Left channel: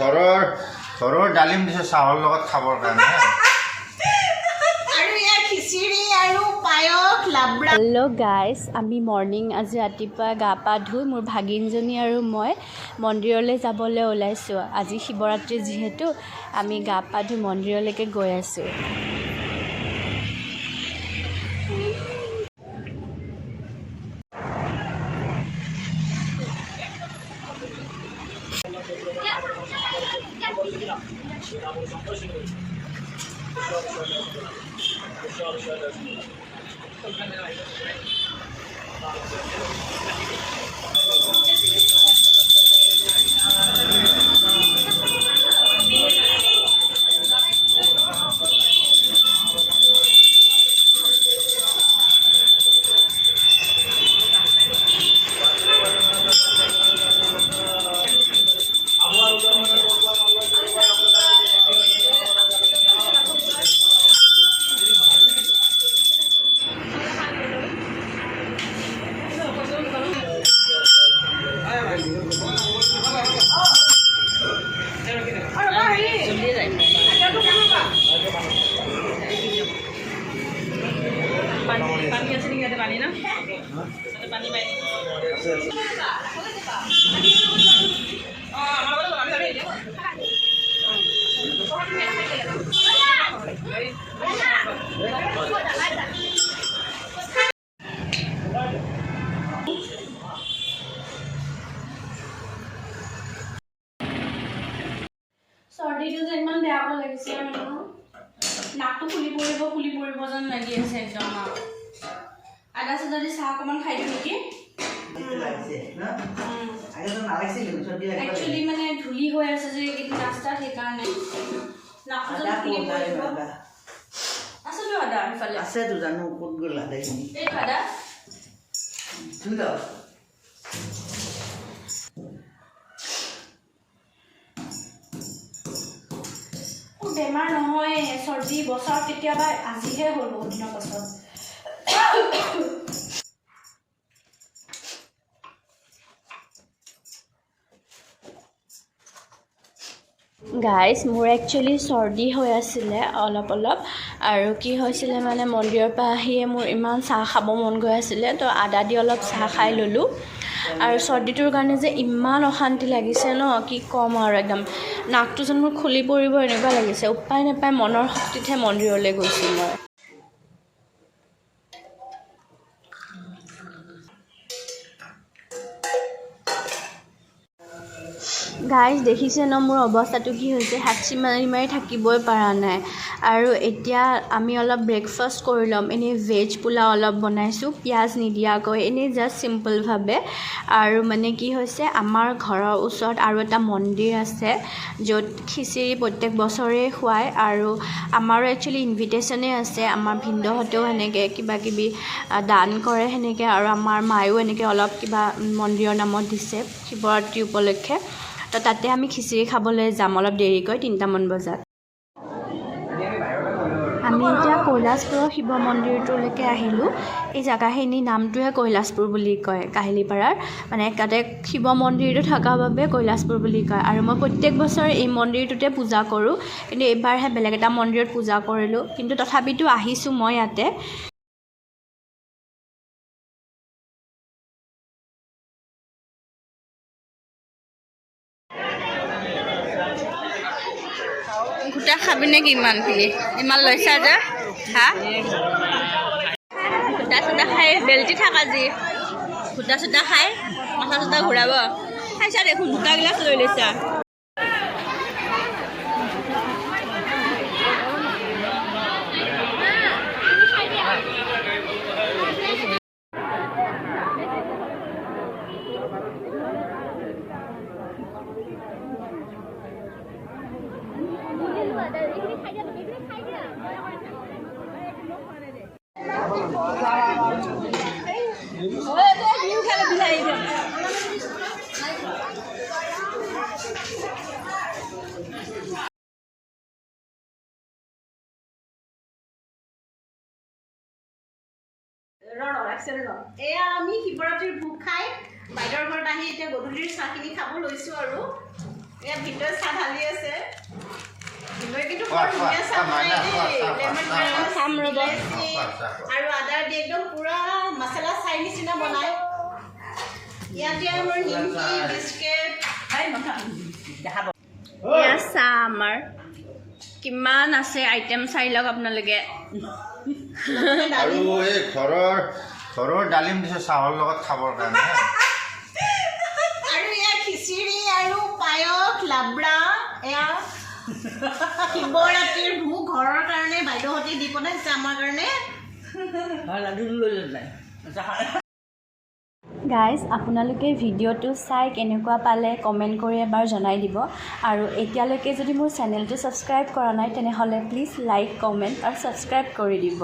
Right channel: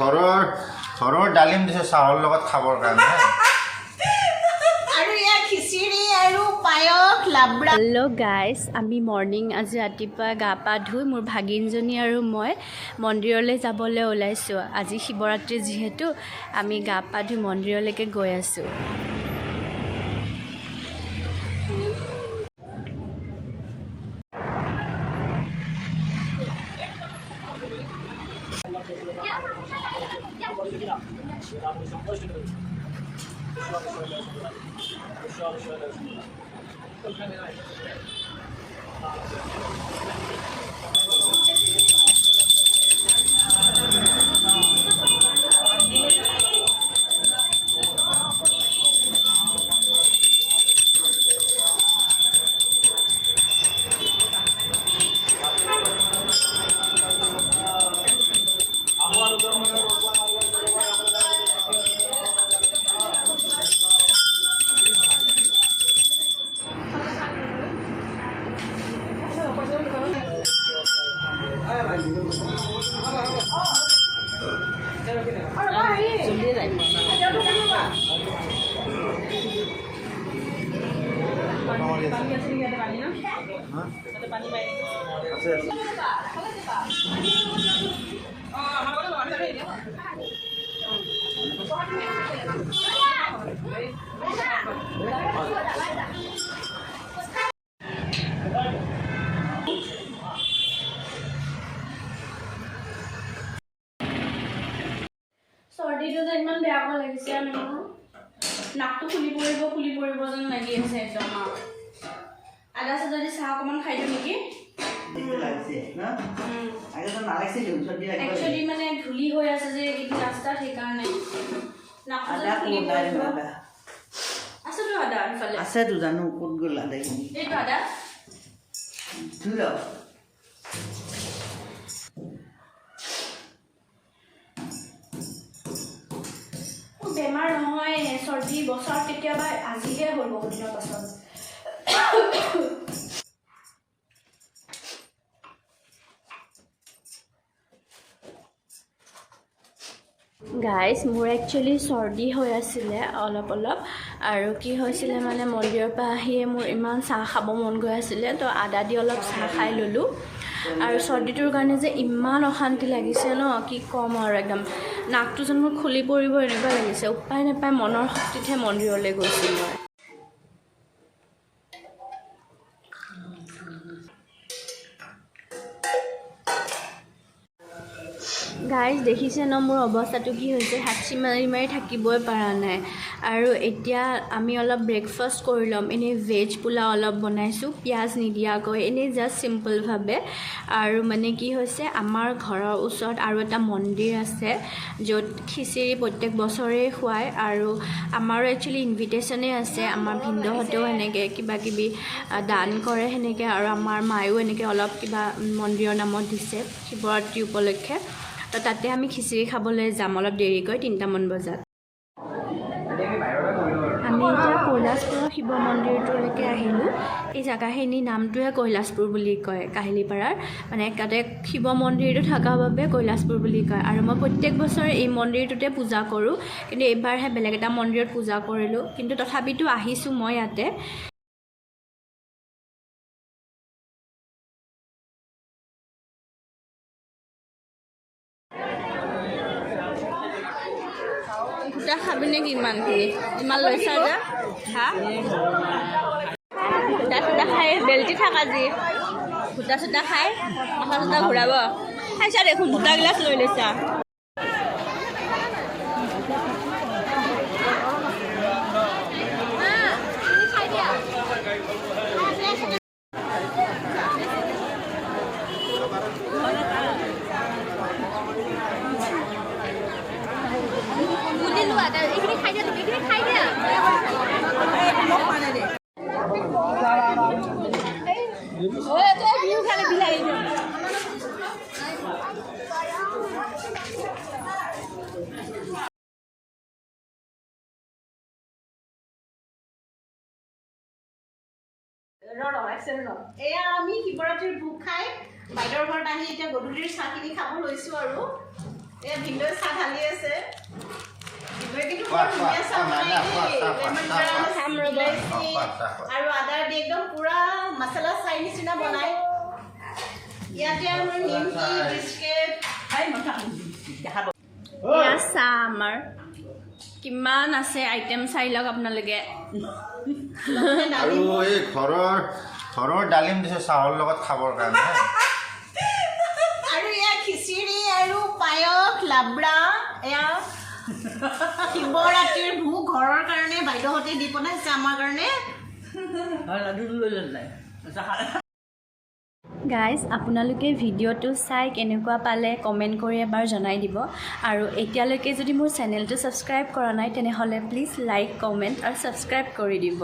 ঘৰৰ ডালিম দিছে চাহৰ লগত খাবৰ কাৰণে। হেল্ল' গাইজ, আমি মৰ্ণিং আজি ৰাতিপুৱা গা পা ধুই মোৰ ভাগিনজনী আৰু মই মন্দিৰলৈ যাবলৈ ওলাইছোঁ। আজি শিৱৰাত্ৰি যিহেতু আমি গা পা ধুই মন্দিৰলৈকে গৈ আছোঁ। চৰ্দিটো যে ইমান বেয়াকৈ লাগিছে আৰু নাকটো ফুলি পৰিব যেন লাগি আছে একদম। আদা চাদা দি চাহ অকণমান খাই দিওঁ নেকি? একচুৱেলি মানে ধূলি হৈ আছে যে এইটো ৰাস্তাত, সেইকাৰণে আছেতো আদা এইফালে আছেতো জানো ক'ত গ'ল আদাখিনি এইটো আদা বেমাৰ নহয়, চৰ্দি বছৰ কেতিয়াবা আজিহে হ'ল বহুত দিনৰ পাছত। গাইজ, মোৰ একচুৱেলি চৰ্দি হৈ আছিলে অলপ আৰু কি হৈছিলে মানে মন্দিৰৰ পৰা আহিয়ে মোৰ ইমান চাহ খাব মন গৈ আছিলে, তো আদা দি অলপ চাহ খাই ল'লোঁ। আৰু চৰ্দিটোৰ কাৰণে যে ইমান অশান্তি লাগিছে ন, কি ক'ম আৰু একদম নাকটো যেন মোৰ খুলি পৰিব এনেকুৱা লাগিছে। উপায় নাপায় মনৰ শক্তিতহে মন্দিৰলৈ গৈছোঁ মই। গাইজ দেখিছে ন মোৰ অৱস্থাটো কি হৈছে, হাঁচি মাৰি থাকিবই পৰা নাই। আৰু এতিয়া আমি অলপ ব্ৰেকফাষ্ট কৰি ল'ম। এনেই ভেজ পোলাও অলপ বনাইছোঁ, পিঁয়াজ নিদিয়াকৈ, এনেই জাষ্ট চিম্পলভাৱে। আৰু মানে কি হৈছে, আমাৰ ঘৰৰ ওচৰত আৰু এটা মন্দিৰ আছে য'ত খিচিৰি প্ৰত্যেক বছৰেই খুৱায়। আৰু আমাৰো একচুৱেলি ইনভিটেশ্যনেই আছে, আমাৰ ভিনদেউহঁতেও সেনেকৈ কিবা কিবি দান কৰে সেনেকৈ, আৰু আমাৰ মায়েও এনেকৈ অলপ কিবা মন্দিৰৰ নামত দিছে শিৱৰাত্ৰি উপলক্ষে। তো তাতে আমি খিচিৰি খাবলৈ যাম অলপ দেৰিকৈ 3টামান বজাত। আমি এতিয়া কৈলাশপুৰৰ শিৱ মন্দিৰটোলৈকে আহিলোঁ। এই জেগাখিনিৰ নামটোহে কৈলাশপুৰ বুলি কয়, কাহিলীপাৰাৰ মানে তাতে শিৱ মন্দিৰটো থকাৰ বাবে কৈলাশপুৰ বুলি কয়। আৰু মই প্ৰত্যেক বছৰে এই মন্দিৰটোতে পূজা কৰোঁ, কিন্তু এইবাৰহে বেলেগ এটা মন্দিৰত পূজা কৰিলোঁ, কিন্তু তথাপিতো আহিছোঁ মই ইয়াতে। গোটা খাবি নেকি ইমানখিনি? ইমান লৈছা যে হা? গোটা চোটা খাই বেলটি থাক আজি, গোটা চোটা খাই মাথা চোটা ঘূৰাব। খাইছা দেখোন, দুটা গিলাচ লৈ লৈছা। এয়া আমি শিৱৰাত্ৰিৰ ভোগ খাই বাইদেউৰ ঘৰত আহি এতিয়া গধূলিৰ চাহখিনি খাব লৈছোঁ আৰু এয়া ভিনদেউ চাহ ঢালি আছে ভিনদেউ কিন্তু খোৱা, বৰ ধুনীয়া চাহ খোৱা, বনাই খোৱা, দেই খোৱা, লেমন খোৱা, গ্ৰাছ খোৱা, ইলাইচি খোৱা, খোৱা। আৰু আদা দি একদম পুৰা মছলা চাই নিচিনা বনাই ইয়াতে আমাৰ নিমকি বিস্কিট এয়া চাহ আমাৰ কিমান আছে আইটেম চাই লওক আপোনালোকে আৰু এই ঘৰৰ ডালিম দিছে চাহৰ লগত খাবৰ কাৰণে হা। আৰু এয়া খিচিৰি আৰু পায়স লাবৰা এয়া শিৱৰাত্ৰিৰ ভোগ ঘৰৰ কাৰণে বাইদেউহঁতে দি বনাইছে আমাৰ কাৰণে গাইজ আপোনালোকে ভিডিঅ'টো চাই কেনেকুৱা পালে কমেণ্ট কৰি এবাৰ জনাই দিব আৰু এতিয়ালৈকে যদি মোৰ চেনেলটো ছাবস্ক্ৰাইব কৰা নাই তেনেহ'লে প্লিজ লাইক কমেণ্ট আৰু ছাবস্ক্ৰাইব কৰি দিব